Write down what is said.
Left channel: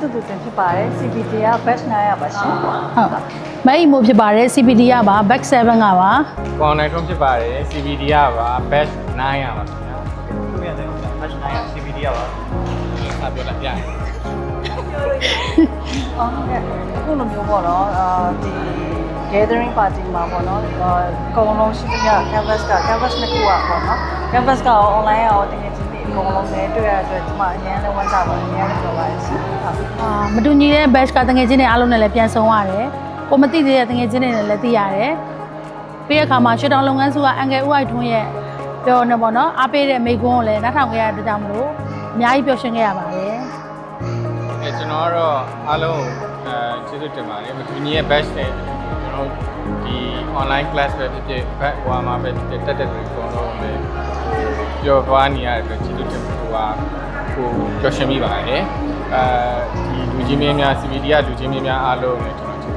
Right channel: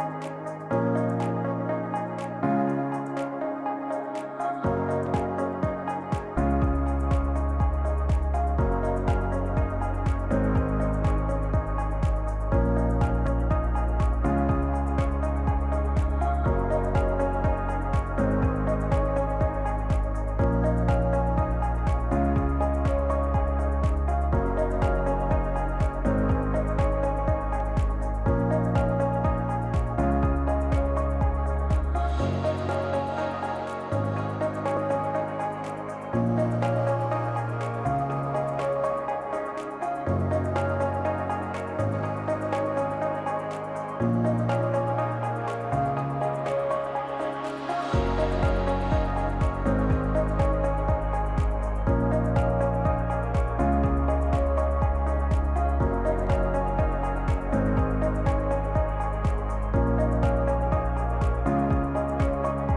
တူတူတင်ဖြစ်ပါတယ် CPD က batch 900ပါရှင်ဟုတ် မဲအီမိုဖြစ်ပါတယ် CPD ကပါ back 7ကပါ ပေါင်နိုင်ထုံးဖြစ်ပါတယ် CBD ရပါ batch 900ပါခင်ဗျာဒီက batch 900 CBD ရပါဆက်ပြောလိုက်ပြရအောင် ဟုတ်ကဲ့အခုလိုမျိုးပေါ့နော်ဒီ gathering party မှာပေါ့နော်အကုန်လုံးရှိသမျှ canvas တစ်ခုอ่ะပေါ့နော် canvas က online ရောတကယ်ချင်းဒီအကုန်လုံးနဲ့တွေ့ရတဲ့အတွက်ဒီမှာအရင်လည်းဝမ်းသာပါတယ်အရင်လည်းပြောပါတယ်ရှင်ဟုတ် မတူညီတဲ့ batch ကတငယ်ချင်းတွေအားလုံးနဲ့လည်းပြန်ဆုံရတယ်ကိုမသိသေးတဲ့တငယ်ချင်းတွေနဲ့လည်းသိရတယ်ပြီးတဲ့အခါမှာရှစ်တောင်လုပ်ငန်းစုကအန်ကယ်ဦးအိုက်ထွန်းရဲ့ပြောနေပေါ့နော်အားပေးတဲ့မိကွန်းကိုလည်းနားထောင်ခဲ့ရတဲ့ကြောင့်မလို့အများကြီးပျော်ရွှင်ခဲ့ရပါတယ် ကျွန်တော်ကတော့အားလုံးကျေးဇူးတင်ပါတယ်ဒီနေ့ batch နဲ့ကျွန်တော်ဒီ online class ပဲဖြစ်ဖြစ်ဘက်ဟိုမှာပဲဖြစ်ဖြစ်တက်တဲ့လူတွေအကုန်လုံးပဲပြောသွားနေရတဲ့အတွက်ကျေးဇူးတင်ပါတယ်ကိုပျော်ရွှင်မိပါတယ်ဒီလူချင်းမင်းများ CBD ကလူချင်းမင်းများအားလုံးလည်းကျွန်တော်